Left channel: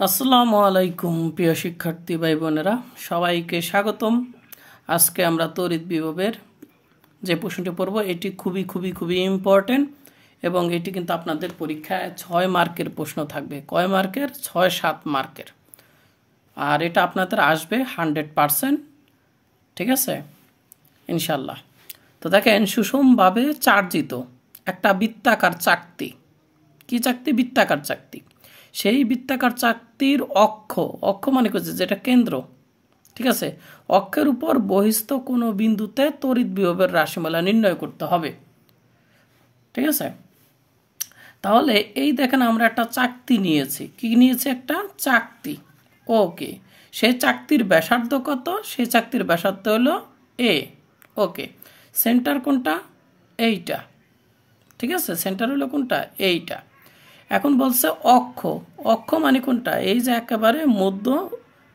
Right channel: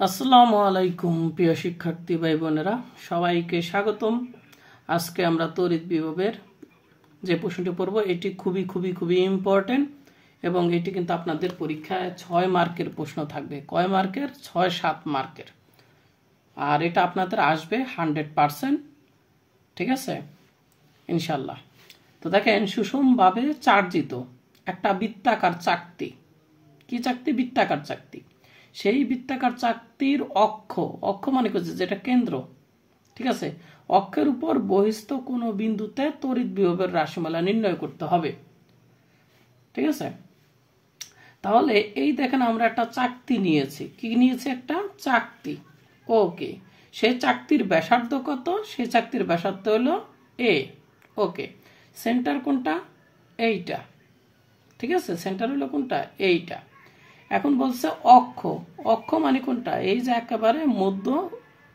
আসসালামু আলাইকুম প্রিয় শিক্ষার্থী ভাই বোনেরা, সবাইকে স্বাগতম। আজকে আমরা তড়িৎ বিভবের যে প্রশ্নটি পড়ব এটি খুবই খুবই খুবই ইম্পর্টেন্ট এবং এটি কিন্তু আপনাদের পরীক্ষায় 6 মার্কের প্রশ্ন থাকবে। কয় মার্কের? 6-7 মার্কের। আর এটা আপনাদের আসবে 100%, ঠিক আছে ইনশাল্লাহ। তো দেখেন, সুষমভাবে চার্জিত একটা বৃত্তাকার চাকতি। কি চাকতি? বৃত্তাকার চাকতি। সেই বৃত্তাকার চাকতির অক্ষ মানে করছে যেটা কেন্দ্র, ঠিক আছে, অক্ষের উপর বহিস্থ কোনো বিন্দুতে তড়িৎ বিভবের রাশিমালা নির্ণয় করতে হবে, ঠিক আছে। তাহলে এই দেখেন, আমরা একটা চাকতি নিয়েছি। কি নিয়েছি? একটা চাকতি। ওকে, সেই চাকতির ব্যাসার্ধ কত? সেই চাকতির ব্যাসার্ধ হলো এ। ওকে, সেন্টার কোনটা? এইটা, ঠিক আছে। সেন্টার হলো কোনটা? এইটা। এখন বলছে অক্ষ মানে কোনটা? এই যে একেবারে মধ্য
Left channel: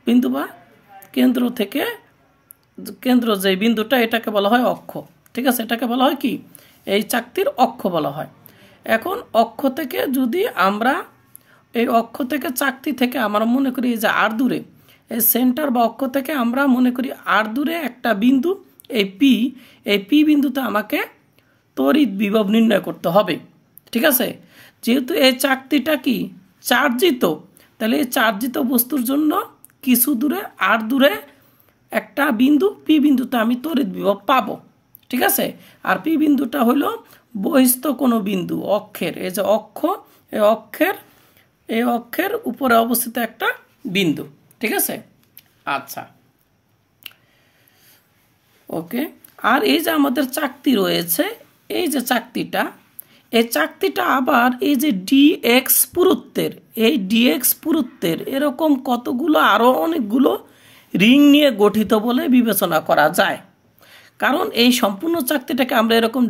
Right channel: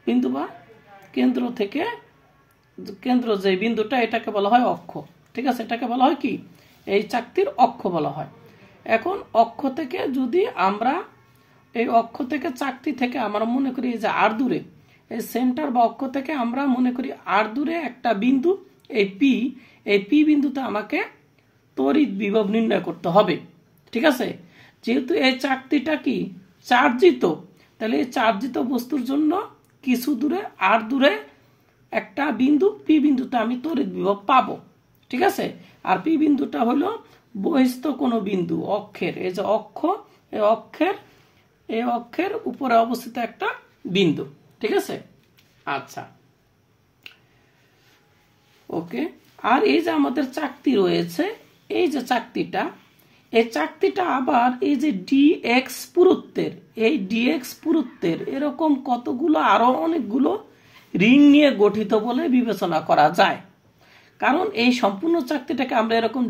বিন্দু বা কেন্দ্র থেকে কেন্দ্র যে বিন্দুটা, এটাকে বলা হয় অক্ষ, ঠিক আছে। এটাকে বলা হয় কি? এই চাকতির অক্ষ বলা হয়। এখন অক্ষ থেকে যদি আমরা এই অক্ষ থেকে চাকতি থেকে আমরা মনে করি যে আর দূরে, এই সেন্টার বা অক্ষ থেকে আমরা মনে করি আর দূরে একটা বিন্দু, এই পি বিন্দুতে আমাকে তড়িৎ বিভব নির্ণয় করতে হবে, ঠিক আছে। যেহেতু এই চাকতিটা কি চার্জিত, তাহলে এই চার্জিত বস্তুর জন্য কিছু দূরে আর দূরে একটা বিন্দু, পি বিন্দুতে আমি তড়িৎ বিভব পাবো, ঠিক আছে। আর পি বিন্দুটা হলো বহিস্থ কোনো বিন্দু অক্ষের, এই যে অক্ষ, এই অক্ষের উপরে অবস্থিত একটা বিন্দু, ঠিক আছে। আচ্ছা, ওকে। আর এই যে আমাদের চাকতি রয়েছে, এই যে চাকতিটা, এই চাকতিটা আবার এই যে ডিএক্স পুরুত্বের, এই ডিএক্স পুরুত্বের এরকম কতগুলো আরো অনেকগুলো রিং নিয়ে গঠিত বলে বিবেচনা করা যায়। কারণ এই সম্পূর্ণ চাকতিটাকে আমরা এরকম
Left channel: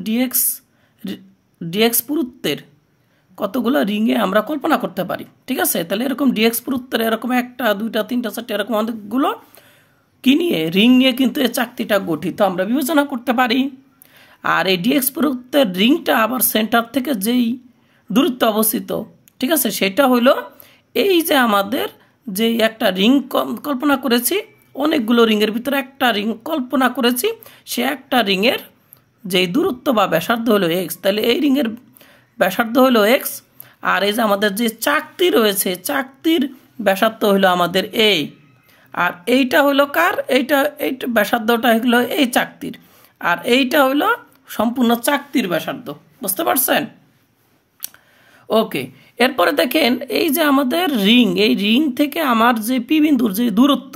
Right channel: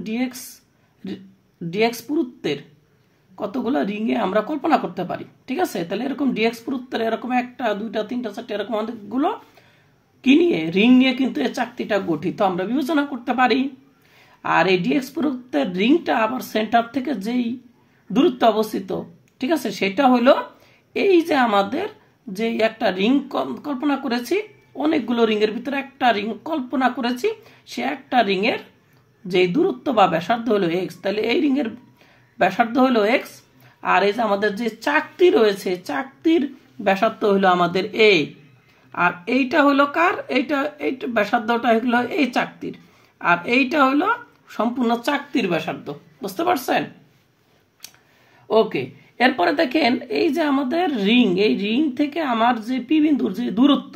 ডিএক্স পুরুত্বের কতগুলো রিংয়ে আমরা কল্পনা করতে পারি, ঠিক আছে। তাহলে এরকম ডিএক্স পুরুত্বের এরকম 1টা 2টা 3টা 4টা এরকম অনেকগুলো কি নিয়ে, রিং নিয়ে কিন্তু এই চাকতিটা গঠিত আমরা বিবেচনা করতে পারি। আর এই ডিএক্স পুরুত্বের রিংটা আবার সেন্টার থেকে যেই দূরত্ব অবস্থিত, ঠিক আছে, সেটা হলো এই যে আমাদের যে একটা রিং কল্পনা করেছি, অনেকগুলো রিংয়ের ভিতরে একটা রিং কল্পনা করেছি, সে একটা রিংয়ের যেই দূরত্ব বা ব্যাসার্ধ হলো এক্স, তাহলে এই রিংয়ের ব্যাসার্ধ হলো এক্স। আর এই যে আমাদের যে চাকতি রয়েছে, চাকতির ব্যাসার্ধ হলো আমাদের এই, আর এইটা হলো কার? এইটা ব্যাসার্ধটা হলো এই চাকতির, আর এইটা হলো সম্পূর্ণ চাকতির ব্যাসার্ধ। বুঝতে পারছেন? ওকে, এরপরে দেখেন এই যে আমাদের রিং, এই রিং থেকে আমার যে পি বিন্দুর যে দূরত্ব,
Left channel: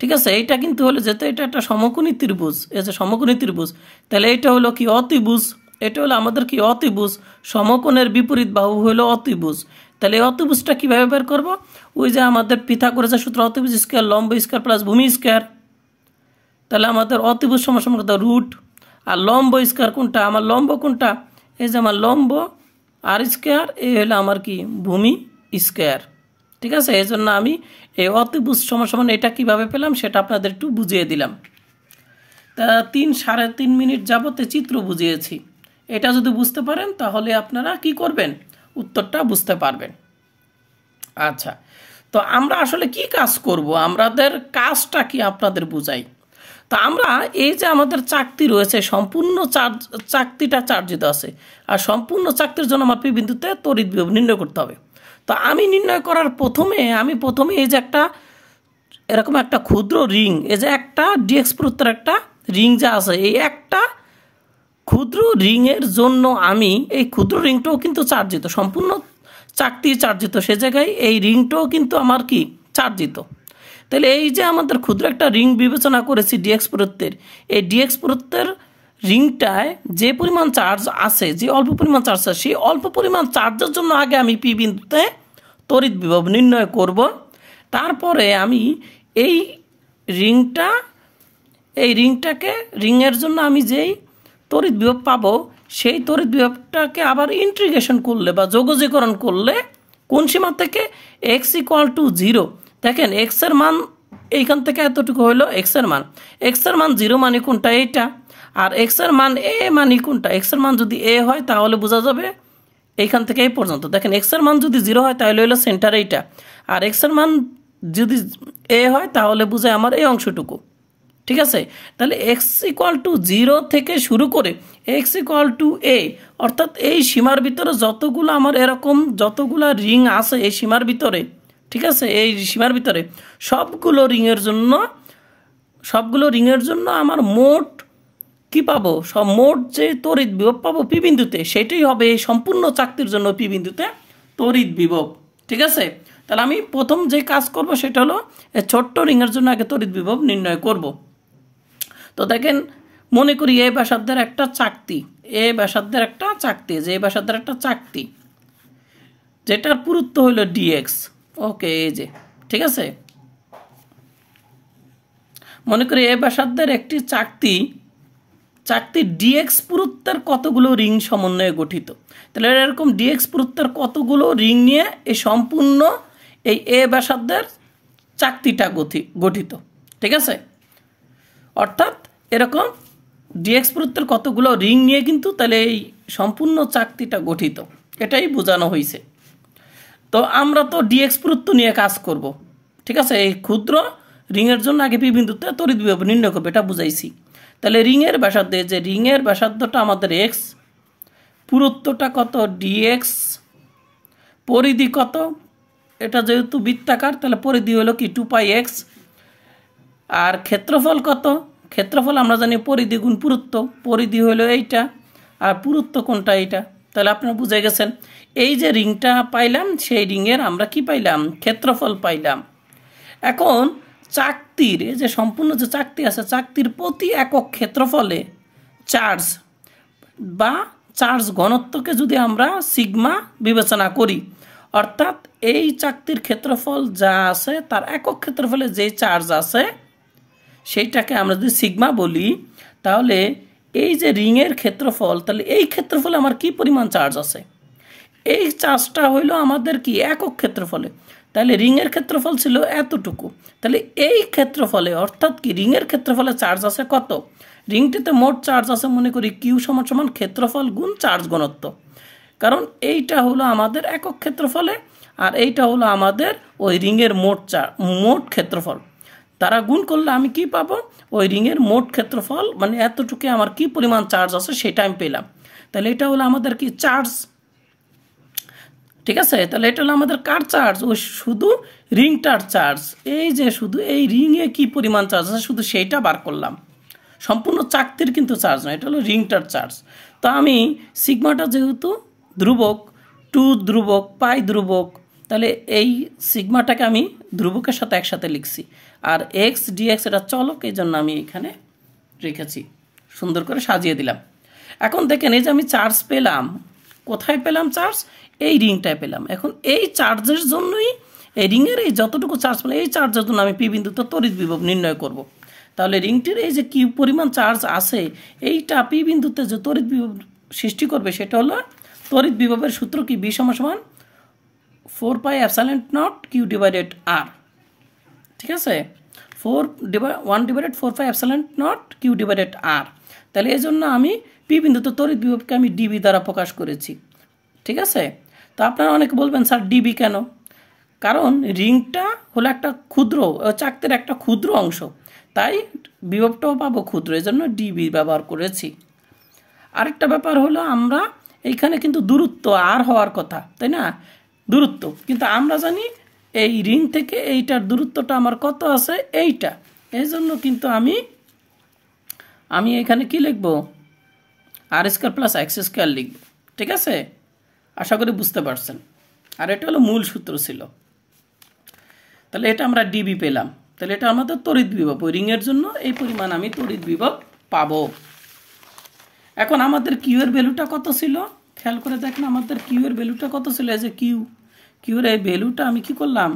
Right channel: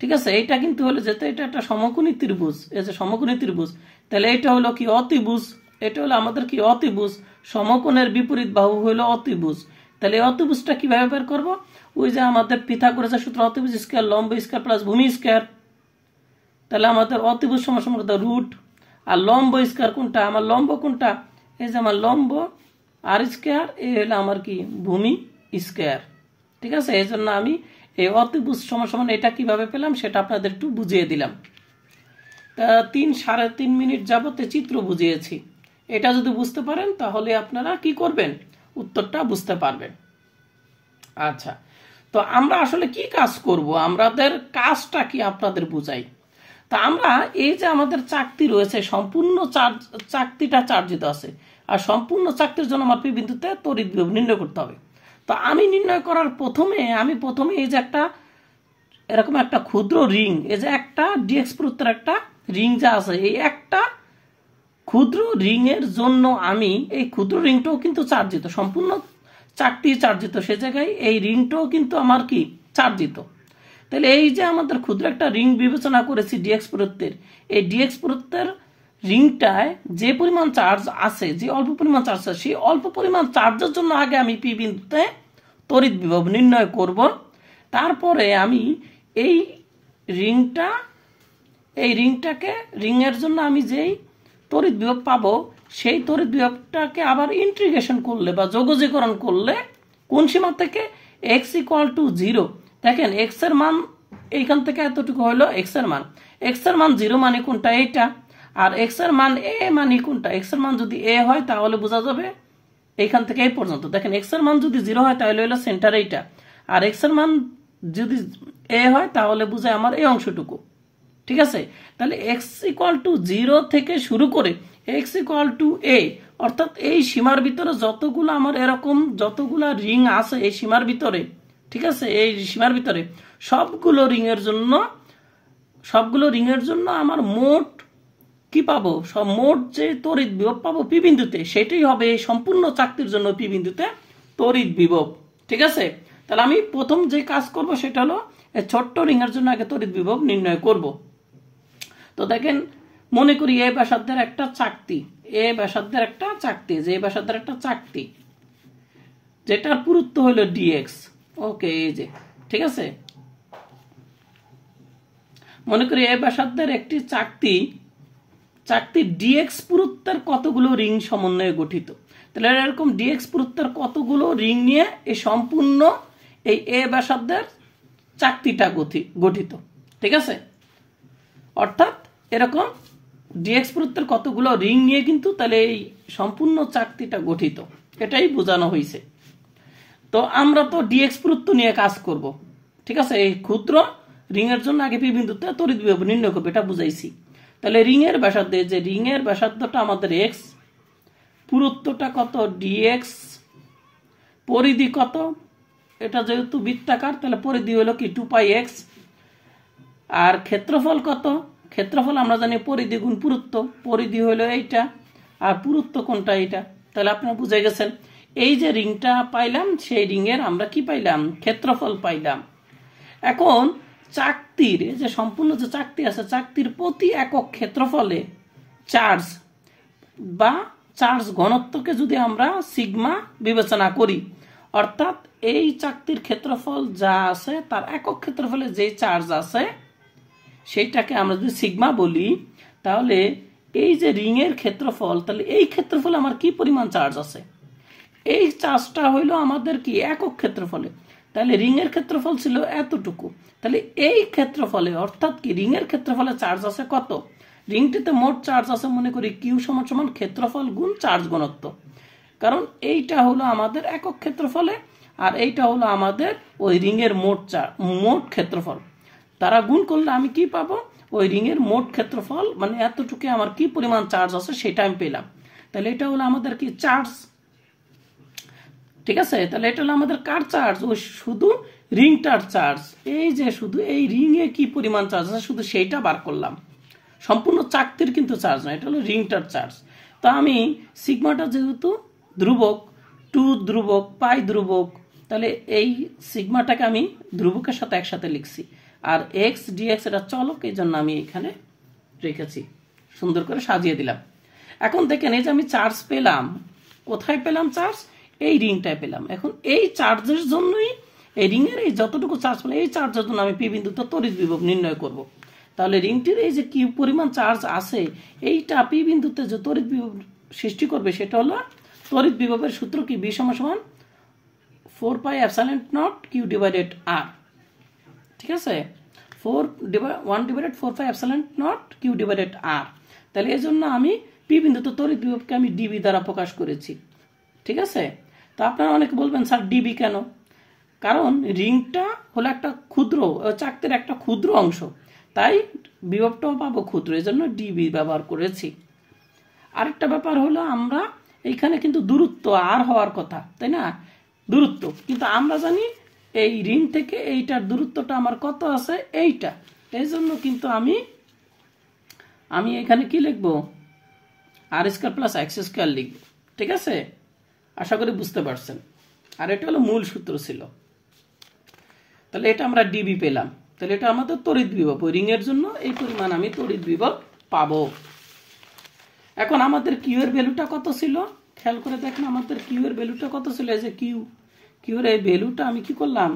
ঠিক আছে, এইটা কিন্তু হলো যেহেতু এটা একটা সমকোণী ত্রিভুজ, এই যে সমকোণী ত্রিভুজ, তাহলে এটা হলো কি? অতিভুজ। এটা হলো আমাদের কি? অতিভুজ। সমকোণের বিপরীত বাহু হলো অতিভুজ। তাহলে এই অতিভুজটা কিভাবে বের করব? ওই যে আমাদের পিথাগোরাসের সূত্র, অতিভুজ স্কয়ার লম্ব স্কয়ার প্লাস ভূমি স্কয়ার। তাহলে আমাদের অতিভুজ সমান কত? রুট। আর লম্ব স্কয়ার কোনটা? আমার লম্ব কোনটা? এই যে আমার লম্ব আর স্কয়ার, এই হলো আমার কি? ভূমি স্কয়ার, ঠিক আছে। এই জন্য আমি এই অতিভুজ সমান এটা কিভাবে পেলাম সেটা আপনাদের একটু বুঝিয়ে দিলাম। তা 3-3.5 মিনিট যাবতে চিত্র বুঝিয়েছি। এটা যদি বুঝতে পারেন তাহলে আপনারা কি করবেন? উত্তরটা বুঝতে পারবেন। আচ্ছা, তো আমরা আসলে কি কাজ করব? আমাদের কাজটা কি আপনাদের বুঝাই। তো আমরা এই যে আমাদের চাকতি রয়েছে, সম্পূর্ণ চাকতিটা চার্জিত আছে, আর সম্পূর্ণ চাকতির জন্য আমার পি বিন্দুতে তড়িৎ বিভব নির্ণয় করতে হবে। তো আমি নির্ণয় করার প্রথমে এই যে একটা এরকম একটা ক্ষুদ্র রিং, এই যে একটা ডিএক্স পুরুত্বের একটা রিং যা আছে, এই একটা ক্ষুদ্র রিংয়ের জন্য আমি এই ক্ষুদ্র রিংটাও কিন্তু চার্জিত, সম্পূর্ণ চাকতি চার্জিত, সে জায়গায় এই রিংটাও কিন্তু আমার কি? চার্জিত। তাহলে এই যে আমাদের ক্ষুদ্র একটা রিং বিবেচনা করেছি ডিএক্স পুরুত্বের, এই ডিএক্স পুরুত্বের রিংটায় যে পরিমাণ চার্জ আছে, যে অল্প পরিমাণ চার্জ আছে, সেই অল্প পরিমাণ চার্জের জন্য আগে আমি পি বিন্দুতে তড়িৎ বিভব নির্ণয় করব। তারপরে আমি এই রিংয়ের জন্য আমি যেই তড়িৎ বিভব পাবো, সেই তড়িৎ বিভবটাকে আবার ইন্টিগ্রেশন করলে বা যোগজীকরণ করলে কোন সীমা থেকে? X equal to 0। দেখেন, এক্স এর মান এইখান থেকে এতটুকু হলো এক্স এর মান। এক্স এর মান 0 মানে কোনটা? এইটা। আর এক্স এর মান এ মানে কোনটা? এক্স এর মান যদি এ হয় তাহলে বোঝা যাবে এইখান থেকে এই পর্যন্ত দেখেন এক্স এর মান যদি 0 হয় তাহলে হলো সেন্টার এইটা, আর এক্স এর মান যদি a হয় তাহলে বুঝে আমার এই অংশটুকু। ঠিক আছে, তাহলে এক্স ইকুয়াল টু 0 থেকে শুরু করে এক্স ইকুয়াল টু a, অর্থাৎ এই সীমার ভিতরে যতগুলো আমার এরকম যতগুলা রিং আছে এই সীমার ভিতরে, ঠিক আছে, এই সীমার ভিতরে সবগুলো রিংয়ের জন্য আমার মোট কি পাবো, সব মোট যে তড়িৎ বিভব পাবো পি বিন্দুতে, সেটাই হবে এই সম্পূর্ণ চাকতির জন্য পি বিন্দুতে তড়িৎ বিভব। ঠিক আছে, তাহলে আমি প্রথম যে কাজ করব সেটা হলো এই ছোট্ট রিংয়ের জন্য আগে তড়িৎ বিভব নির্ণয় করব। তো দেখেন, মনে করি এ ব্যাসার্ধের একটা চাকতি, যেটার পুরুত্ব হলো ডিএক্স। ওকে, এই যে ঠিক আছে, মনে করি এ ব্যাসার্ধের একটি চাকতি ডিএক্স পুরুত্বের কতগুলো রিং সমন্বয়ে গঠিত। তাহলে এরকম ডিএক্স পুরুত্বের কতগুলো রিং নিয়ে এই সম্পূর্ণ এই এ ব্যাসার্ধের চাকতিটা গঠিত। ঠিক আছে, অর্থাৎ এরকম ডিএক্স পুরুত্বের কতগুলো রিং নিয়ে কিন্তু তাহলে এই সম্পূর্ণ চাকতিটা গঠিত, এটাই বোঝানো হয়েছে। তো আমরা তো ডিএক্স পুরুত্ব নিয়ে কাজ করব। ঠিক আছে, এই ক্ষুদ্র রিংয়ের জন্য আগে পি বিন্দুতে তড়িৎ বিভব নির্ণয় করবো, এটা বুঝাইছি। তাহলে রিংয়ের ব্যাসার্ধে, যে রিংয়ের ব্যাসার্ধটা আমাদের এক্স, পুরুত্বটা কত ডিএক্স, পরিধি কত, এটা যেহেতু বৃত্তাকার তাহলে পরিধি হলো কি 2πx, আর ক্ষেত্রফল কত, ক্ষেত্রফল আমরা জানি পরিধি গুণ পুরুত্ব, পরিধি হলো এইটা আর পুরুত্ব কোনটা এইটা। তাহলে আপনারা বুঝে গেছেন, এই যে রিংটা পাইলাম সেই রিংয়ের আমরা কি পাইলাম, ক্ষেত্রফল পাইলাম। এখন চাকতির যে সম্পূর্ণ যে চাকতি আছে, চাকতির প্রতি একক ক্ষেত্রফলে চার্জ বা চার্জ ঘনত্বকে যদি আমরা সিগমা বিবেচনা করি, অর্থাৎ এই চাকতির ক্ষেত্রফল যা আছে তার একক ক্ষেত্রফলে যে চার্জ আছে সেইটাকে আমরা যদি সিগমা বলি, তাহলে এই যে রিংয়ের ক্ষেত্রফল, তাহলে এই ক্ষেত্রফলে আমার কি পরিমাণ চার্জ আছে, এই চার্জটা হইলো আমাদের কি একক ক্ষেত্রফলে। তাহলে রিংয়ের ক্ষেত্রফল ছিল এতটুকু, তাহলে এই ক্ষেত্রফলে অর্থাৎ কি রিংয়ের ক্ষেত্রফলে চার্জ আছে কত, রিংটিতে মোট চার্জ আছে মনে করি কিউ সমান সমান ক্ষেত্রফল গুণ চার্জ ঘনত্ব, কারণ এইটা হলো আমাদের একক ক্ষেত্রফলে আর এইটা হলো আমাদের ওই রিংয়ের মোট ক্ষেত্রফল, তারা গুণ করলে আমি কি পাবো, ওই রিংয়ের মোট ক্ষেত্রফল মানে এতটুকু আমার কি পরিমাণ চার্জ আছে সেটা আমি পেলাম। তাহলে এটা হলো আমাদের কি চার্জ। ঠিক আছে, তাহলে এটা হলো আমাদের কার চার্জ, ওই শুধু রিংটার চার্জ, এই যে শুধু এই রিংয়ে কি পরিমাণ চার্জ আছে শুধু সেইটা বার করলাম, সম্পূর্ণ চাকতির কিন্তু চার্জ নয়, এটা হলো রিংটার চার্জ। তো আমি সিগমাটা যেহেতু ধ্রুবক, 2 ধ্রুবক, পাই ধ্রুবক, তাহলে এই সিগমাটাকে আমি ধ্রুবকের সাথে একসাথে লিখছি, আর এক্স ডিএক্স এটা চলক, এই জন্য আমি এখানে রেখেছি, সুন্দর করে সাজিয়ে দিলাম। এখন দেখেন, এই যে আমি চার্জ পেলাম, কোথায় পেলাম চার্জ, এই রিংটায় পেলাম। এখন এই চার্জের জন্যই এই রিংয়ের এই যতটুকু চার্জ পেলাম এই চার্জের জন্য আমি পি বিন্দুতে তড়িৎ বিভব নির্ণয় করব। তাহলে রিংটির এই যে কি পরিমাণ চার্জ আছে এইটা পি বিন্দুতে যে তড়িৎ বিভব সৃষ্টি করবে সেটা হলো তড়িৎ বিভবের সূত্র কি, বি সমান সমান 4πε0 কিউ ডিভাইডেড আর। ঠিক আছে, 1/4πε0 কিউ ডিভাইডেড আর। তাহলে এই জন্য আমি পি বিন্দুতে তড়িৎ বিভবকে আমি ডিবি দ্বারা প্রকাশ করেছি। ঠিক আছে, তো আপনারা অনেকে বলবেন স্যার ডিবি কেন, কারণ রিংটা হলো একটা ক্ষুদ্র চাকতির একটা ক্ষুদ্র অংশ, তাই বিভবটাও পাবো ক্ষুদ্র, এই জন্য ডিবি ব্যবহার করেছি। আরেকটা ব্যাপার হলো, আমরা এইখানে কিন্তু দূরত্ব আর হওয়ার কথা, তাই না, দূরত্ব, কিন্তু আমরা জানি এই রিং থেকে এইটার দূরত্বটা আমার কত আছে এইটা, এই জন্য কিন্তু আমি এখানে কি লিখব, আর স্কয়ার প্লাস এক্স স্কয়ার লিখব। ঠিক আছে, আশা করি বুঝতে পারছেন। আর এটা হলো মূল সূত্র ছিল। তাহলে এটা আমরা ডিবি পেলাম, তাহলে এটা আমাদের তড়িৎ বিভব, ওই রিংয়ের জন্য এই পরিমাণ আমি তড়িৎ বিভব পাবো। এখন আমাদের কিউ এর ভ্যালুটা কত ছিল, খেয়াল করে দেখেন আমাদের কিউ এর ভ্যালুটা কত ছিল, এই যে কিউ এর এই ভ্যালুটা আমি কি করলাম,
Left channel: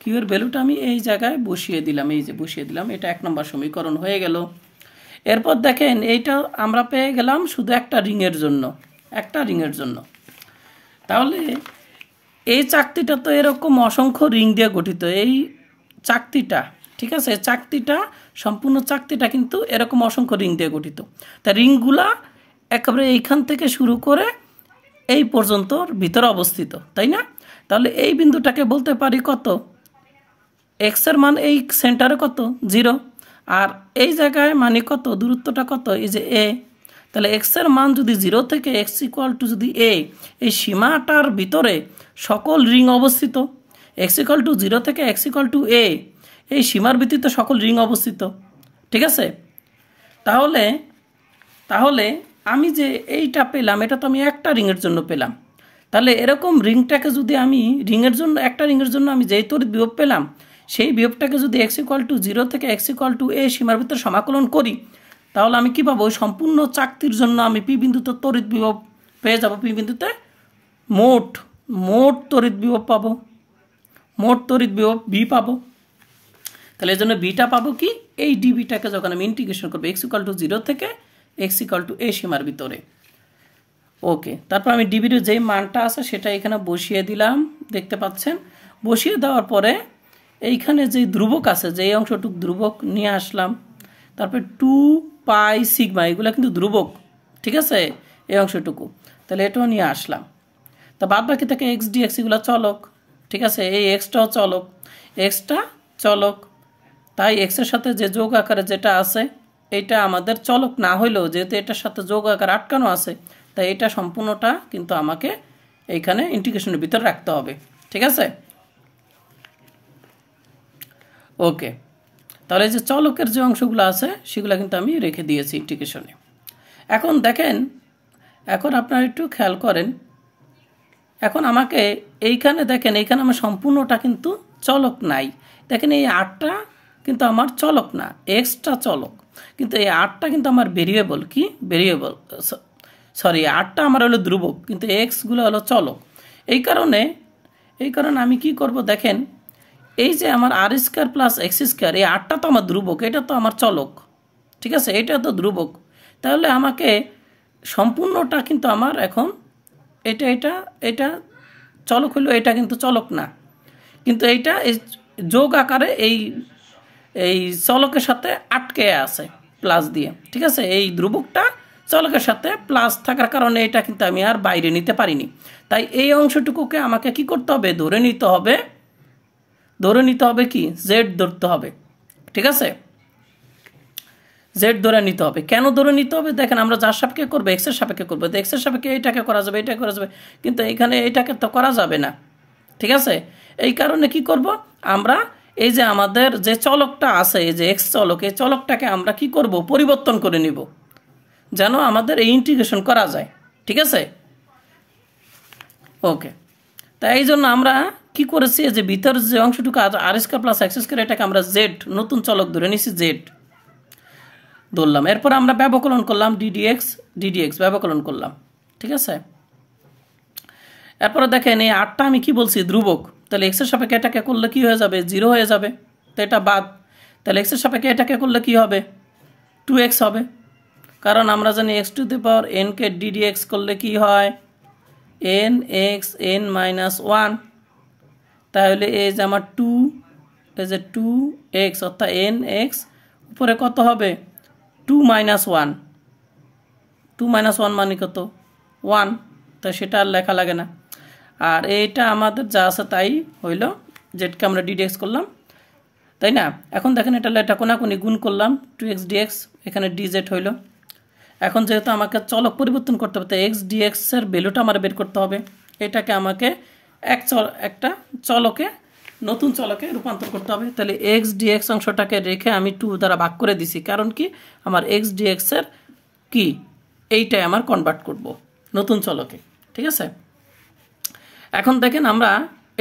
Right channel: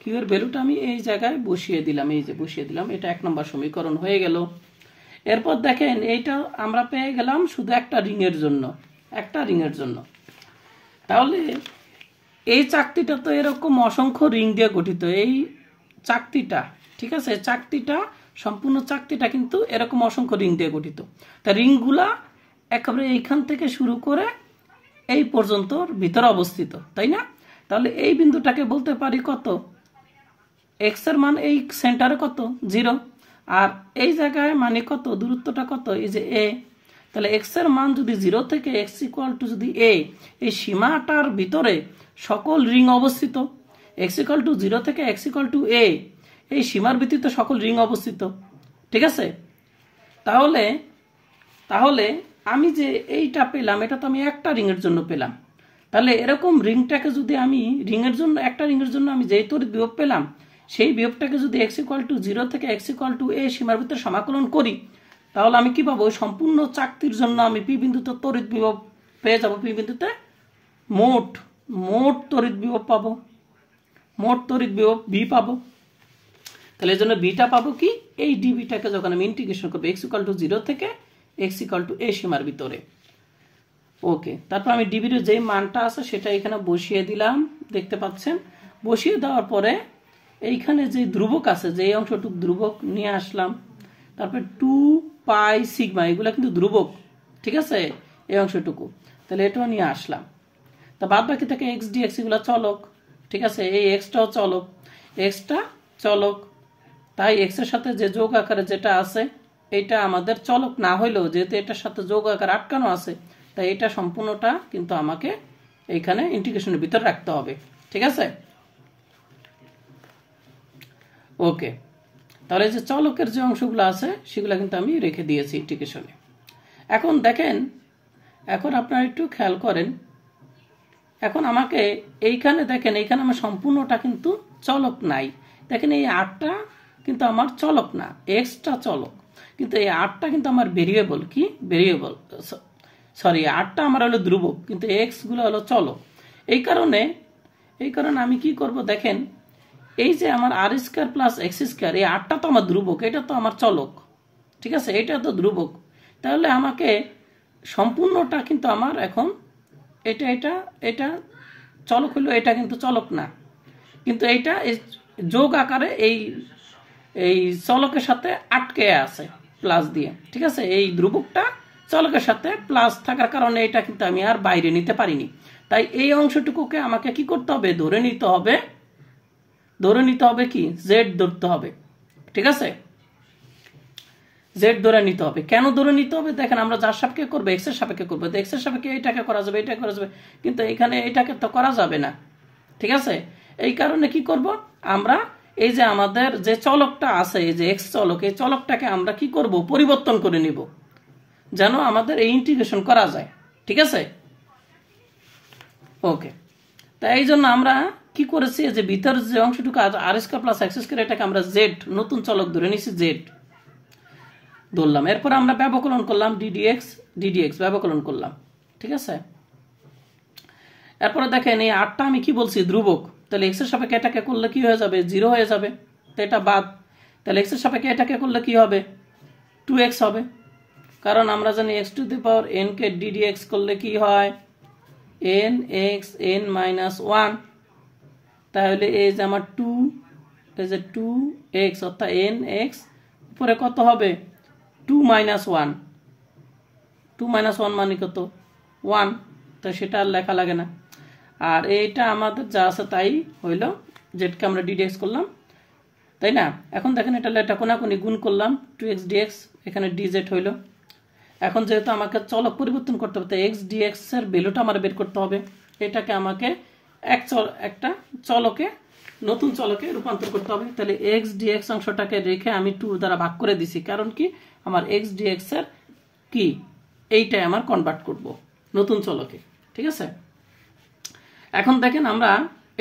কিউ এর ভ্যালুটা আমি এই জায়গায় বসিয়ে দিলাম, এই যে বসিয়ে দিলাম, এটা 1 নম্বর সমীকরণ হয়ে গেল। এরপর দেখেন এইটা আমরা পেয়ে গেলাম শুধু একটা রিংয়ের জন্য, তাহলে এই চাকতিটা তো এরকম অসংখ্য রিং দিয়ে গঠিত, এই চাকতিটা, ঠিক আছে, সম্পূর্ণ চাকতিটা কিন্তু এরকম অসংখ্য রিং দিয়ে গঠিত। তা রিংগুলা একেবারে এইখান থেকে শুরু করে এই পর্যন্ত ভিতরে অবস্থিত, তাই না? তাহলে এই বিন্দুটাকে বলতে পারি কত, এক্স এর মান এই সেন্টারে কত 0, আর এই জায়গায় মানে কত, দূরত্বটা কত, এই যে এ। তাহলে এক্স এর মান যদি 0 থেকে এক্স ইকুয়াল টু যদি এ, এই সীমাটার ভিতরে সকল রিং অবস্থিত। এক্স ইকুয়াল টু 0 থেকে এক্স ইকুয়াল টু এ, এই সীমার ভিত্তিতে সকল রিং অবস্থিত, ঠিক আছে? তাহলে তাহলে আমি যে এইটা পেলাম, এটা তো আমি একটা রিংয়ের জন্য পেলাম। তাহলে এরকম রিংটাকে যদি আমি রিংয়ের জন্য, একটা রিংয়ের জন্য আমি যেই তড়িৎ বিভব পেলাম, সেই বিভবটাকে যদি এক্স ইকুয়াল টু 0 থেকে এক্স ইকুয়াল টু এ সীমার ভিতরে সমাকলন করি, তাহলে আমি কি পাবো, সম্পূর্ণ চাকতির জন্য আমি পি বিন্দুতে তড়িৎ বিভব পেয়ে যাব। পি বিন্দুতে মোট মোট তড়িৎ বিভব পাবো, মোট তড়িৎ বিভব বি পাবো। তাহলে এই জন্য বিটা পাবো কি, এই ডিবিটাকে যখন আমি ইন্টিগ্রেশন করবো এক্স ইকুয়াল টু 0 থেকে এক্স ইকুয়াল টু এ সীমার ভিতরে। ওকে, তারপর আমি ডিবির যেই মানটা আছে সেটা এখানে বসিয়ে দিলাম, দেখতে পাচ্ছেন। বসিয়ে দেওয়ার পরে এইখানে যে ধ্রুবক আছে, যে অংশটুকু ধ্রুবক নিয়ে আসলাম। তারপরে 2 পাই সিগমা, এগুলো কিন্তু ধ্রুবক, ঠিক আছে, এই অংশটুকু। তাহলে এটাও নিয়ে আসলাম। তা বাদ বাকি থেকে এক্স ডি এক্স এগুলো চলক, ঠিক আছে, এই এক্সটাও চলক, এক্সটা চলক। তাই এক্সের সাথে যে যোগ আকারে যেটা আছে, এটা আমাদের চলক না হইলেও যেহেতু এটার সাথে যোগ আকার আটকানো আছে, তাই এটা সম্পূর্ণটা কিন্তু আমাকে এইখানে ইন্টিগ্রেশনের ভিতর রাখতে হবে, ঠিক আছে? ওকে, তাহলে যে চলকের যে অংশগুলো আছে সেগুলো কিন্তু আমি রেখে দিয়েছি ইন্টিগ্রেশনে। এখন দেখেন, এখন আপনারা একটু খেয়াল করেন, এখন আমাকে এইখানে দেখেন, এইখানে আমার সম্পূর্ণটা কিন্তু চলক নাই। দেখেন এই 8টা কিন্তু আমার চলক না, এক্সটা চলক, কিন্তু এই 8টা কিন্তু আমার ভেরিয়েবল। কি ভেরিয়েবল, সরি, 8টা আমার হলো ধ্রুবক, কিন্তু এক্সগুলো হলো চলক। এই কারণে আমি কি করব, দেখেন এই যে আমার আর স্কোয়ার প্লাস এক্স স্কোয়ার, এই 8টা তো আমার ধ্রুবক, এটা তো আমার চলক, ঠিক আছে, এটা তো ধ্রুবক। তাহলে আমাকে সম্পূর্ণটা কিন্তু আমার এখন এটা এটা এটা চলক হইলো, এটা কিন্তু চলক না, কিন্তু এইটা যোগ আকারে এই এই চলকের সাথে আটকে আছে প্লাস দিয়ে, ঠিক আছে। এই ধ্রুবকটা চলকের সাথে প্লাস থাকার কারণে এটা কিন্তু আমি আর বাইরে নিতে পারিনি। তাই এই অংশটুকুকে আমাকে কি করতে হবে, ধরে নিতে হবে কি, জেড ধরতে হবে, ঠিক আছে, জেড ধরে নিতে হবে। কেন ধরে নিতে হবে, দেখেন আমরা যার সাপেক্ষে করবো, এক্স এর সাপেক্ষে করবো, তো এক্স এর সাপেক্ষে এইটাকে করা যাবে, এটা করা যাবে, কিন্তু এখানে এইটাকে তো করা যাবে না, ঠিক আছে। এই কারণে কি করব, আমরা এই যে আমাদের যে চলকটা আছে, এই যে এক্স চলক, এই চলকটাকে আমরা কি করব, পরিবর্তন করে নিব, যেন আমাদের এই ইন্টিগ্রেশন করা যায়, ঠিক আছে। ওকে, তাই এই জন্য আমরা কি করেছি, যে ভিতর যে অংশটুকু আর স্কয়ার প্লাস এক্স স্কয়ার, এটাকে আমরা জেড নতুন চলক ধরে নিছি, জেড ধরলাম। এরপর আমরা ব্যবকলন করলাম, ডিডিএক্স ব্যবকলন করলাম, ঠিক আছে। এরপরে দেখেন এই 8টা আমি কি বলছি, ধ্রুবক। তাহলে এক্স এর সাপেক্ষে এটাকে করলে কি হয়ে যাবে, 0 হয়ে যাবে, তো এটা বাদ। তাহলে এক্স এর সাপেক্ষে এটাকে করলে কি হবে, 2x হবে, কারণ আমরা জানি x to the power n K ddx করলে কি হয়, nx n-1। তাহলে এই যে আমার 2, এই যে 2x অর্থাৎ nx উপরে কত হবে, 2 - 1, 2 - 1 মানে কত, 1, তাই সেটা আর লেখা লাগে না। আর এইটা আমাদের যা আছে তাই হইল, যেটাকে আমরা ডিডিএক্স করলাম, তাই না। এখন দেখেন এটা কোনাকুনি গুণ করলাম, 2x dx, এখানে dz হইল। এখন যেহেতু আমাকে চলক পরিবর্তন করতে হবে, তাই x dx এর ভ্যালুটা আমার বের করতে হবে। এটাকে আমাকে একটা চলকে, নতুন চলকে রূপান্তর করতে হবে। তাহলে x dx অংশটাকে রেখে আমি 2 দ্বারা ভাগ করে দিছি, কারণ কি আমার x dx এর কি এইটাই আমার কনভার্ট করব নতুন চলকে, ঠিক আছে। এখন দেখেন আমরা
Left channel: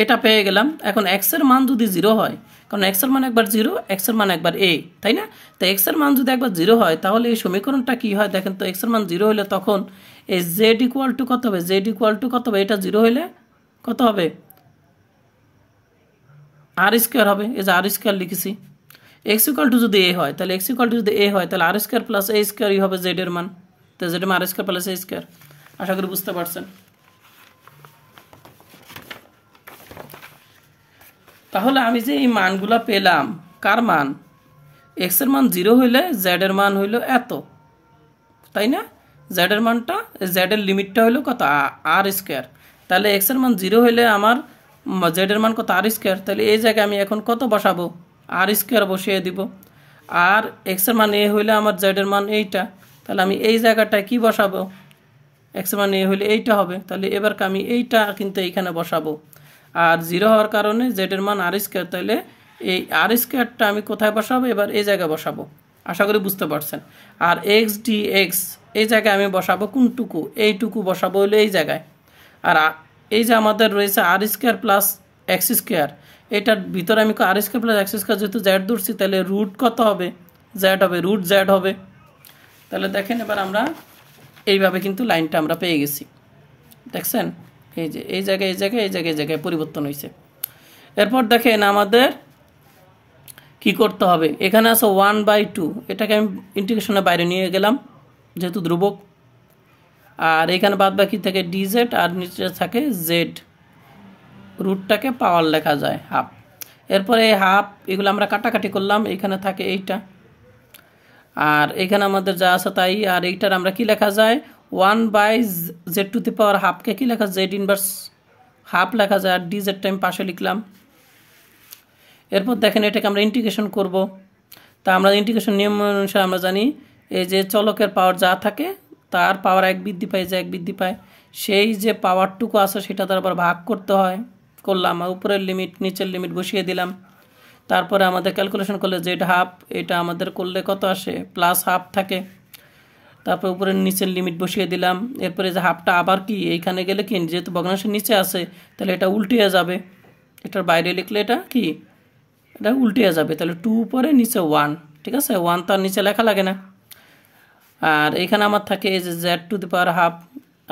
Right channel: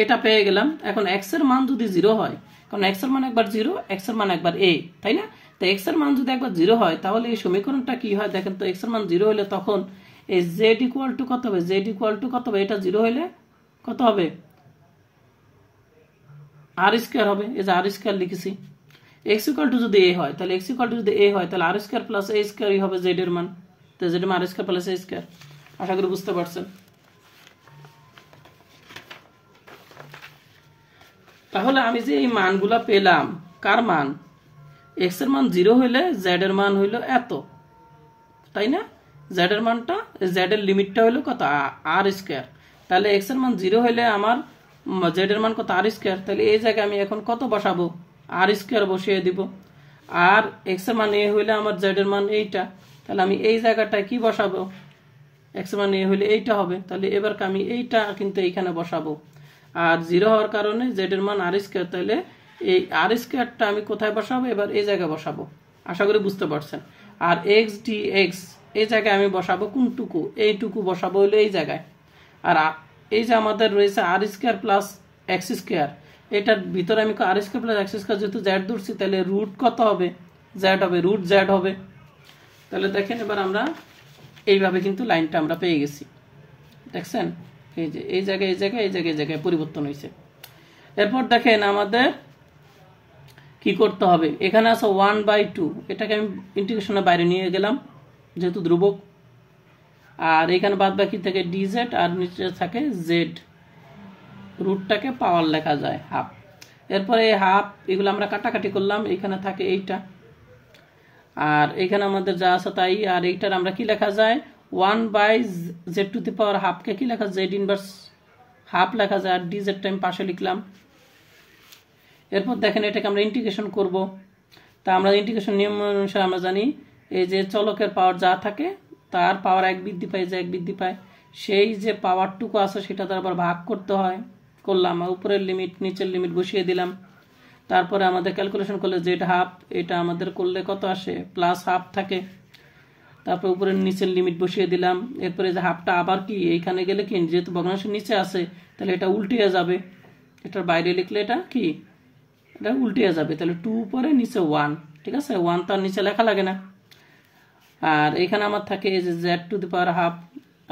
এটা পেয়ে গেলাম। এখন x এর মান যদি 0 হয়, কারণ x এর মান একবার 0, x এর মান একবার a, তাই না। তো x এর মান যদি একবার 0 হয়, তাহলে এই সমীকরণটা কি হয় দেখেন তো, x এর মান 0 হলে তখন এই z ইকুয়াল টু কত হবে, কত হবে, এটা 0 হলে কত হবে, আর স্কয়ার হবে, এই যে আর স্কয়ার লিখেছি। x ইকুয়াল টু যদি a হয়, তাহলে x ইকুয়াল টু যদি a হয়, তাহলে আর স্কয়ার প্লাস a স্কয়ারই হবে z এর মান। তো z এর মান আর স্কয়ার প্লাস a স্কয়ার। আশা করি বুঝতে পারছেন। তাহলে আমি যে এই মানগুলো পেলাম, কার মান, x এর মান 0 হইলে z এর মান হইল এত, তাই না। জেড এর মানটা, জেড এর লিমিটটা হলো কত আর স্কোয়ার। তাহলে এক্স এর মান 0 হলে আমার জেড এর মান কত আর স্কোয়ার। তাহলে এই জায়গায় আমি এখন কত বসাবো, আর স্কোয়ার বসিয়ে দিব। আর এক্স এর মান এ হইলে আমার জেড এর মান এইটা, তাহলে আমি এই জায়গাটায় কি বসাবো, এক্স এর মান এ হইলে এইটা হবে। তাহলে এবার আমি এইটা কিন্তু এইখানে বসাবো। আর 0 হওয়ার কারণে জেড এর মান আর স্কোয়ার, তাহলে এই আর স্কোয়ারটা আমি কোথায় বসাবো, এবার এই জায়গায় বসাবো। আশা করি বুঝতে পারছেন। আর এক্স ডি এক্স এই জায়গায় আমি বসাবো কোনটুকু, এইটুকু বসাবো হলো এই জায়গায়। আর এই যে আমাদের রয়েছে আর স্কোয়ার প্লাস এক্স স্কোয়ার, এটার ভিতরে আমি আর স্কোয়ার প্লাস এক্স স্কোয়ার যেহেতু জেড ধরছি, তাহলে রুট কত হবে, জেড হবে, রুট জেড হবে। তাহলে দেখেন এবার আমরা এইভাবে কিন্তু লাইনটা আমরা পেয়ে গেছি, দেখছেন। এই যে এই জায়গায় এই জায়গায় এই জায়গায় এই জায়গায় পরিবর্তন হয়েছে। এরপর দেখেন আমাদের কি করতে হবে, এখানে আছে 1/2, এটাকে আমি ইন্টিগ্রেশনের বাইরে নিয়ে গেলাম যেহেতু ধ্রুবক। আর এখানে বাদ বাকি থেকে ডিজেড, আর নিচে থাকে জেড, রুটটাকে পাওয়ার লেখা যায় হাফ। এরপরে এই হাফ এগুলো আমরা কাটাকাটি করলাম, এখানে থাকে এইটা, আর এখানে আমাদের যা আছে তাই। আর এইটার আমরা কি লেখা যায়, 1/z⁻, হাফকে কি লেখা, জেড ইনভার্স হাফ লেখা যায়। আর ডিজেডটা আমি পাশে লিখলাম। এরপর দেখেন এটাকে আমরা ইন্টিগ্রেশন করব। তা আমরা ইন্টিগ্রেশন নিয়ম অনুসারে আমরা জানি এই যে চলকের পাওয়ার যা থাকে তার পাওয়ার 1 বৃদ্ধি পায়, যে 1 বৃদ্ধি পায় সেই যে পাওয়ারটুকু আছে সেটা তার আবার ভাগ করতে হয়, করলাম। আর উপরের লিমিট নিচের লিমিট বসিয়ে দিলাম। তারপরে আমাদের ক্যালকুলেশন করলে জেড হাফ, এটা আমাদের করলে কত আসে, প্লাস হাফ থাকে। তারপর উপরের নিচের লিমিট বসিয়ে দিলাম। এরপরে যে হাফটা আবার কি এইখানে গেলে কি, যেহেতু ভগ্নাংশের নিচে আছে তাহলে এটা উল্টিয়ে যাবে, এটার বাইরে লিখলে এটা কি, এটা উল্টিয়ে যাবে। তাহলে 2 উপরে নিচে 1, ঠিক আছে, 1 তার নিচে লেখা লাগে না। আর এখানে আমার থাকে এই যে z⁻হাফ,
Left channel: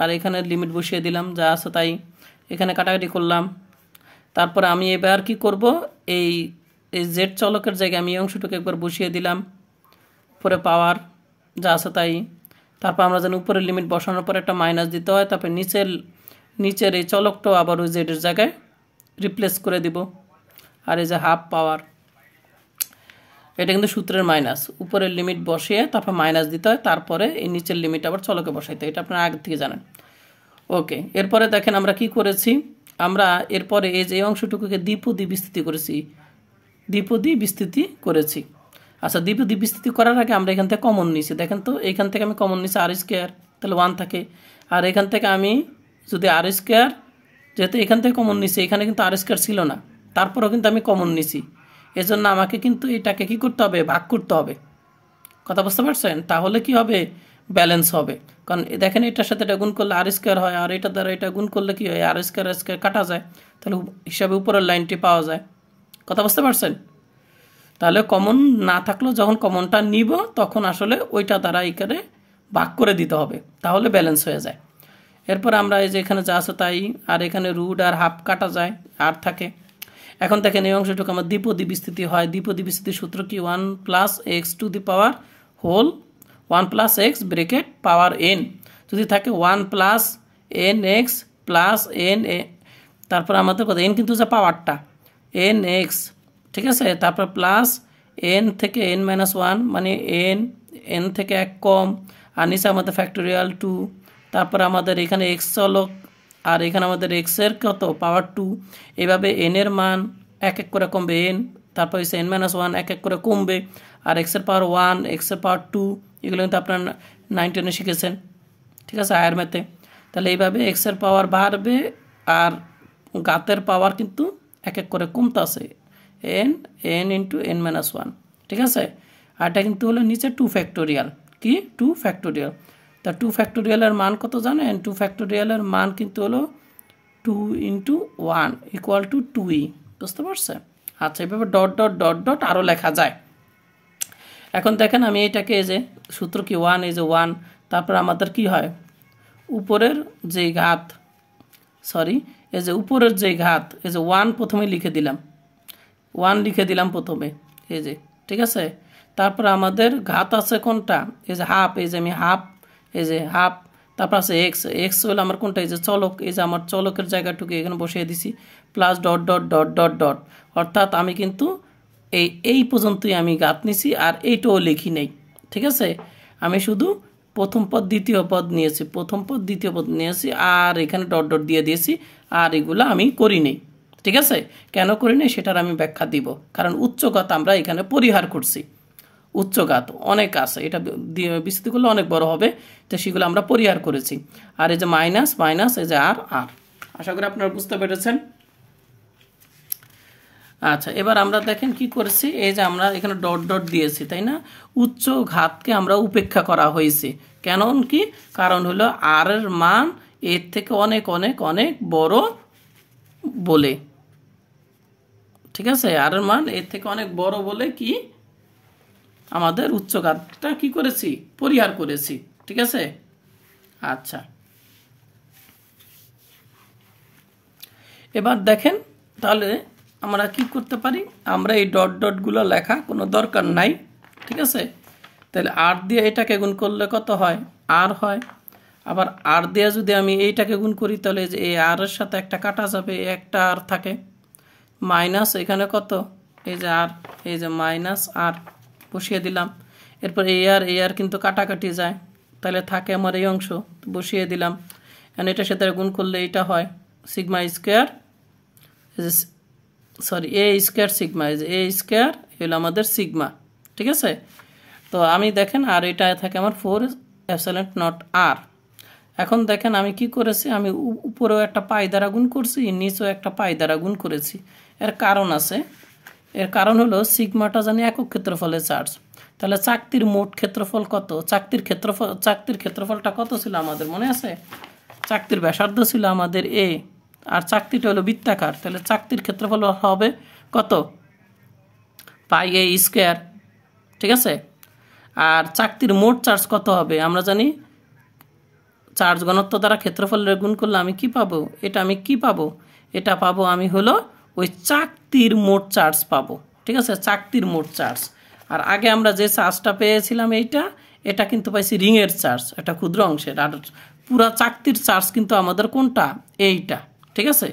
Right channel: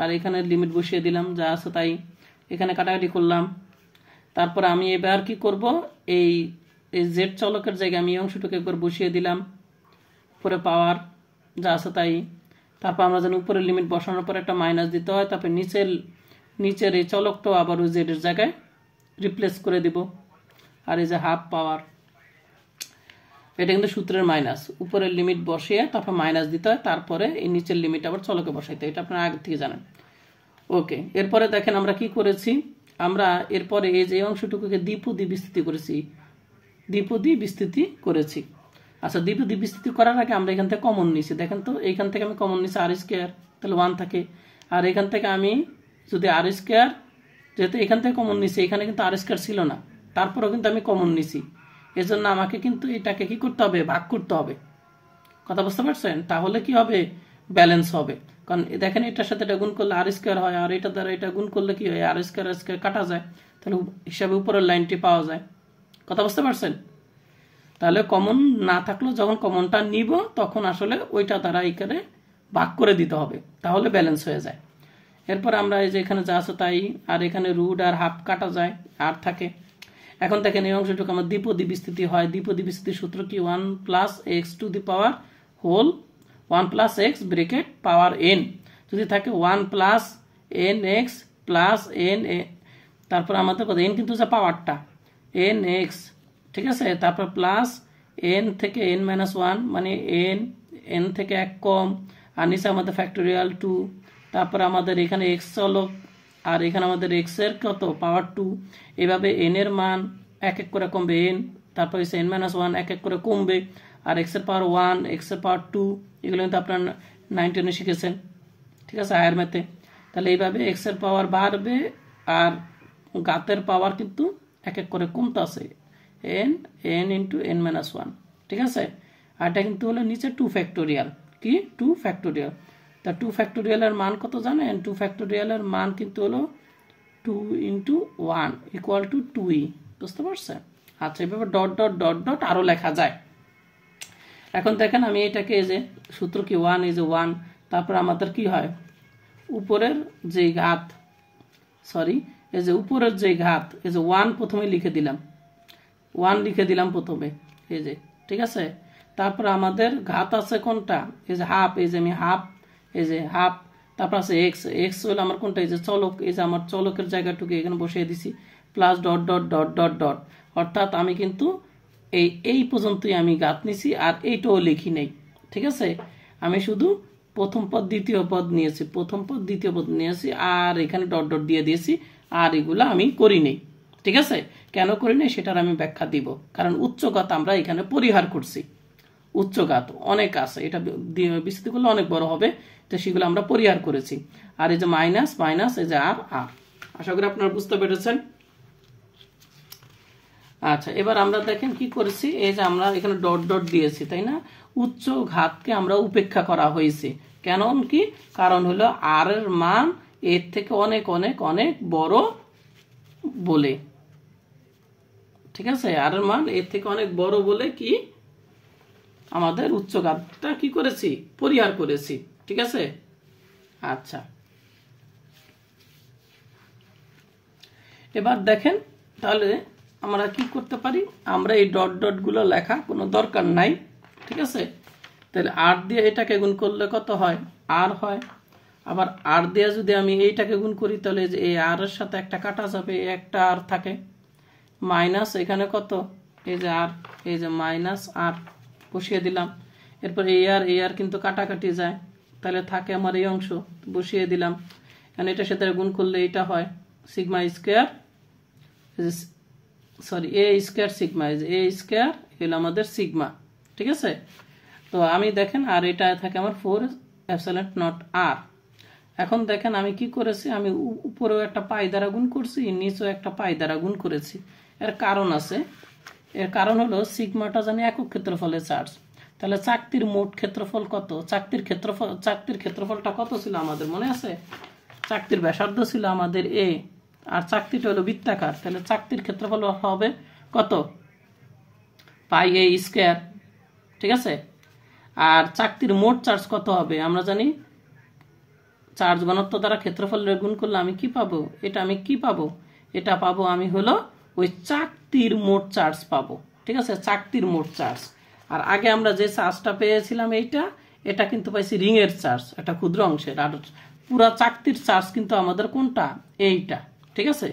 আর এখানে লিমিট বসিয়ে দিলাম, যা আছে তাই। এখানে কাটাকাটি করলাম। তারপরে আমি এবার কি করব, এই জেড চলকের জায়গায় আমি এই অংশটুকু একবার বসিয়ে দিলাম, উপরে পাওয়ার যা আছে তাই। তারপর আমরা জানি উপরের লিমিট বসানোর পর একটা মাইনাস দিতে হয়। তারপর নিচের এই চলকটাও আবার ওই জেডের জায়গায় রিপ্লেস করে দিব। আর এই যে হাফ পাওয়ার, এটা কিন্তু সূত্রের মাইনাস, উপরের লিমিট বসিয়ে তারপর মাইনাস দিতে হয়, তারপরে এই নিচের লিমিট আবার চলকে বসাইতে হয়। এটা আপনারা আগে থেকে জানেন। ওকে, এরপরে দেখেন আমরা কি করেছি, আমরা এরপরে এই যে অংশটুকুকে দ্বিপদী বিস্তৃতি করেছি, দ্বিপদী বিস্তৃতি করেছি। আচ্ছা, দ্বিপদী বিস্তৃতি করার আগে আমরা এখান থেকে কমন নিয়েছি, দেখেন তো এইখান থেকে আমি কমন নিয়েছি আর স্কোয়ার, তাহলে 1 থাকে। আর এখান থেকে আমি যদি আর স্কোয়ার, যেহেতু এখান থেকে কমন নিয়েছি, এখানে কিন্তু আর স্কোয়ার ছিল না, তারপরেও কিন্তু আমি কমন নিছি, এজন্য আমাকে কিন্তু এটাকে কি করতে হবে, ভাগ করতে হবে। কথা বুঝতে পারছেন? তাহলে কি হবে, ব্যালেন্স হবে। কারণ দেখেন এটার সাথে এটা গুণ করলে আর স্কোয়ার হয়, আর এটা দ্বারা এটা গুণ করলে কি হয়, আর স্কোয়ার কাটা যায়, তাহলে হিসাবে উপরের লাইনটি পাওয়া যায়। কথা বুঝতে পারছেন? তাহলে কমন না থাকলেও যখন কমনটা নিব তখন আসলে ওইটা দ্বারা এখানে ভাগ করে দিতে হবে, তাহলে ব্যালেন্স হয়ে যায়। এরপর আমরা এই যে এখানে যা আছে তাই, আর এখানে রুট আর হাফ কাটা যায়, আর থাকে। এখন দেখেন এই অংশটুকু আমার দ্বিপদী বিস্তৃতি হয়। দ্বিপদী বিস্তৃতির সূত্র কি, 1 + x⁻, 1 + x ব্রেকেট পাওয়ার n, যদি থাকে 1 + nx + n, তারপর আমাদের কথা n কিন্তু যে পাওয়ারটা nx, ঠিক আছে, তারপর প্লাস n থেকে n-1, মানে n থেকে 1 কম, আর নিচে আমাদের ফ্যাক্টোরিয়াল 2, তারপর আমাদের এখানে x চলক, আর এখানে আমাদের x এর কত পাওয়ার 2, এইভাবে n এর মান এক এক করে কমবে n, তারপর এসে n-1 এক এক করে কমবে, আর x এর পাওয়ার 1, x এর পাওয়ার 2, এগুলো কিন্তু আপনারা 9-10 শিখেছেন, ঠিক আছে, হায়ার ম্যাথে। তাহলে এইভাবে x এর পাওয়ার বাড়বে আর ঘাতের পাওয়ার কিন্তু এক এক করে কমতে আছে, n × n-1, ঠিক আছে। আর এটা কিন্তু হলো নিচে 2 ফ্যাক্টোরিয়াল, কি 2 ফ্যাক্টোরিয়াল। তা 2 ফ্যাক্টোরিয়ালের মান কত জানেন, 2 ফ্যাক্টোরিয়ালের মান কিন্তু হলো 2 × 1 = 2e, বুঝতে পারছেন? আচ্ছা, এভাবে ডট ডট ডট ডট আরও লেখা যায়। এখন দেখেন আমি এটাকে এই যে সূত্র কি 1, এই যে 1, তারপর আমাদের কি হয়, উপরের যে ঘাত, সরি এই যে উপরের যে ঘাত, এই যে 1 প্রথমে লিখে দিলাম, 1 লিখে দিলাম প্রথমে, এই যে, ঠিক আছে। তারপর আমাদের ঘাত আছে কোনটা, এই যে হাফ, এই যে আমি হাফ, এই যে হাফ, তারপর আছে এক্স হলো আমার কোনটা, এই যে চলক, এই যে আমার চলকের জায়গাটুকু এখানে বসিয়ে দিছি, plus dot dot dot dot dot, অর্থাৎ আমি কিন্তু এই পর্যন্তই আমি ঘাত নিছি, আর এইটাও লিখি নেই, ঠিক আছে। আমি শুধু প্রথম পদ দ্বিতীয় পদ নিয়েছি, প্রথম পদ দ্বিতীয় পদ নিয়েছি, আর এখানে ডট ডট দিয়ে দিয়েছি। আর এগুলো আমি করিনি, ঠিক আছে? কেন করিনি সেটার আমি ব্যাখ্যা দিব। কারণ উচ্চঘাত আমরা এখানে পরিহার করছি। উচ্চঘাত অনেক আছে, এটা বিস্তৃত করলে অনেক বড় হবে, তো সেগুলো আমরা পরিহার করেছি। আর এই যে মাইনাস মাইনাস, এই যে আর আর। আশা করি আপনারা বুঝতে পেরেছেন। আচ্ছা, এবার আমরা দেখেন কি করেছি, এই যে আমরা এখানে ডট ডট দিয়েছি, তাই না? উচ্চ ঘাতকে আমরা উপেক্ষা করা হয়েছে। কেন কি? কারণ হলো আর এর মান এর থেকে অনেক অনেক অনেক বড় বলে, ঠিক আছে? আর এর মান এর থেকে অনেক বড় বলে কি আমাদের উচ্চ ঘাতটা কি করেছি? পরিহার করেছি, ঠিক আছে? আচ্ছা, এবার দেখেন তাহলে আমরা কি করতে পারি, আমরা এই ডট ডটগুলো লেখা কোনো দরকার নাই, ঠিক আছে? তাহলে আর দিয়ে এটাকে গুণ করলে কত হয়? আর হয়। আবার আর দিয়ে যদি আমি এইটাকে গুণ করি তাহলে যে এই আর এর সাথে একটা কাটা যাবে, একটা আর থাকে, মাইনাস এখানে কত, এই যে আর, এই যে মাইনাস আর বসিয়ে দিলাম। এরপর এই আর কিন্তু কাটাকাটি যায়, তাহলে থাকে আমার এই অংশ, বসিয়ে দিলাম। কারণ এটার সাথে গুণ করলে এটা হয় সিগমা স্কোয়ার, সরি এ স্কোয়ার সিগমা, এ স্কোয়ার এলো আমাদের সিগমা, ঠিক আছে? তো আমি দেখেন আর এটা থাকে আমার 4 এপসিলন নট আর। এখন দেখেন আমি কি করেছি, আমি উপরেও একটা পাই দ্বারা গুণ করছি, নিচেও একটা পাই দ্বারা গুণ করেছি। এর কারণ আছে, এর কারণ হলো সিগমাটা জানি একক ক্ষেত্রফলের চার্জ। তাহলে চাকতির মোট ক্ষেত্রফল কত? চাকতির ক্ষেত্রফলটা কত ছিল আমাদের মনে আছে? চাকতির ব্যাসার্ধ ছিল আমাদের এ, আর চাকতিটা হলো বৃত্তাকার, তাহলে চাকতির ক্ষেত্রফল হবে কত? পাই এ স্কোয়ার, ঠিক আছে? আর চাকতির মোট চার্জ কত হবে? আমরা জানি চার্জ ঘনত্ব দ্বারা ক্ষেত্রফলের গুণ করলে আমি কি পাবো? এটা আমি কি পাবো? এটা পাবো আমি হলো ওই চাকতির মোট চার্জ পাবো, ঠিক আছে? চাকতির মোট চার্জ। আর আগে আমরা যে চার্জটা পেয়েছিলাম এটা কিন্তু পাইছি রিংয়ের চার্জ, একটা ক্ষুদ্র অংশের। আর পুরা চাকতির চার্জ কিন্তু আমাদের কোনটা? এইটা, ঠিক আছে?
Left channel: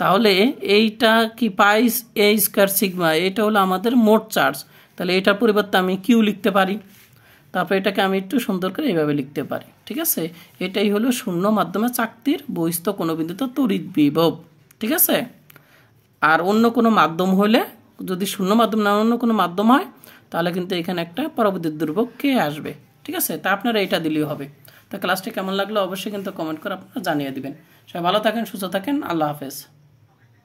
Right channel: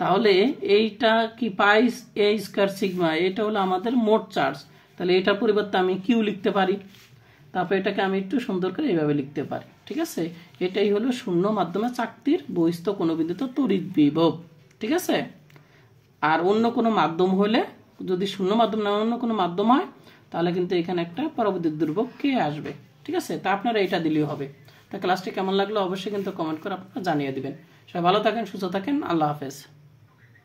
তাহলে এইটা কি পাই এ স্কোয়ার সিগমা, এটা হলো আমাদের মোট চার্জ। তাহলে এটার পরিবর্তে আমি কিউ লিখতে পারি, তারপর এটাকে আমি একটু সুন্দর করে এইভাবে লিখতে পারি, ঠিক আছে? এটাই হলো শূন্য মাধ্যমে চাকতির বহিস্থ কোনো বিন্দুতে তড়িৎ বিভব, ঠিক আছে? আর অন্য কোনো মাধ্যম হলে, যদি শূন্য মাধ্যম না অন্য কোনো মাধ্যম হয়, তাহলে কিন্তু এখানে একটা পরাবিদ্যুৎ ধ্রুবক কে আসবে, ঠিক আছে? তা আপনারা এটা দিলেই হবে। তা ক্লাসটি কেমন লাগলো অবশ্যই কিন্তু কমেন্ট করে আপনারা জানিয়ে দিবেন। সবাই ভালো থাকেন, সুস্থ থাকেন, আল্লাহ হাফেজ।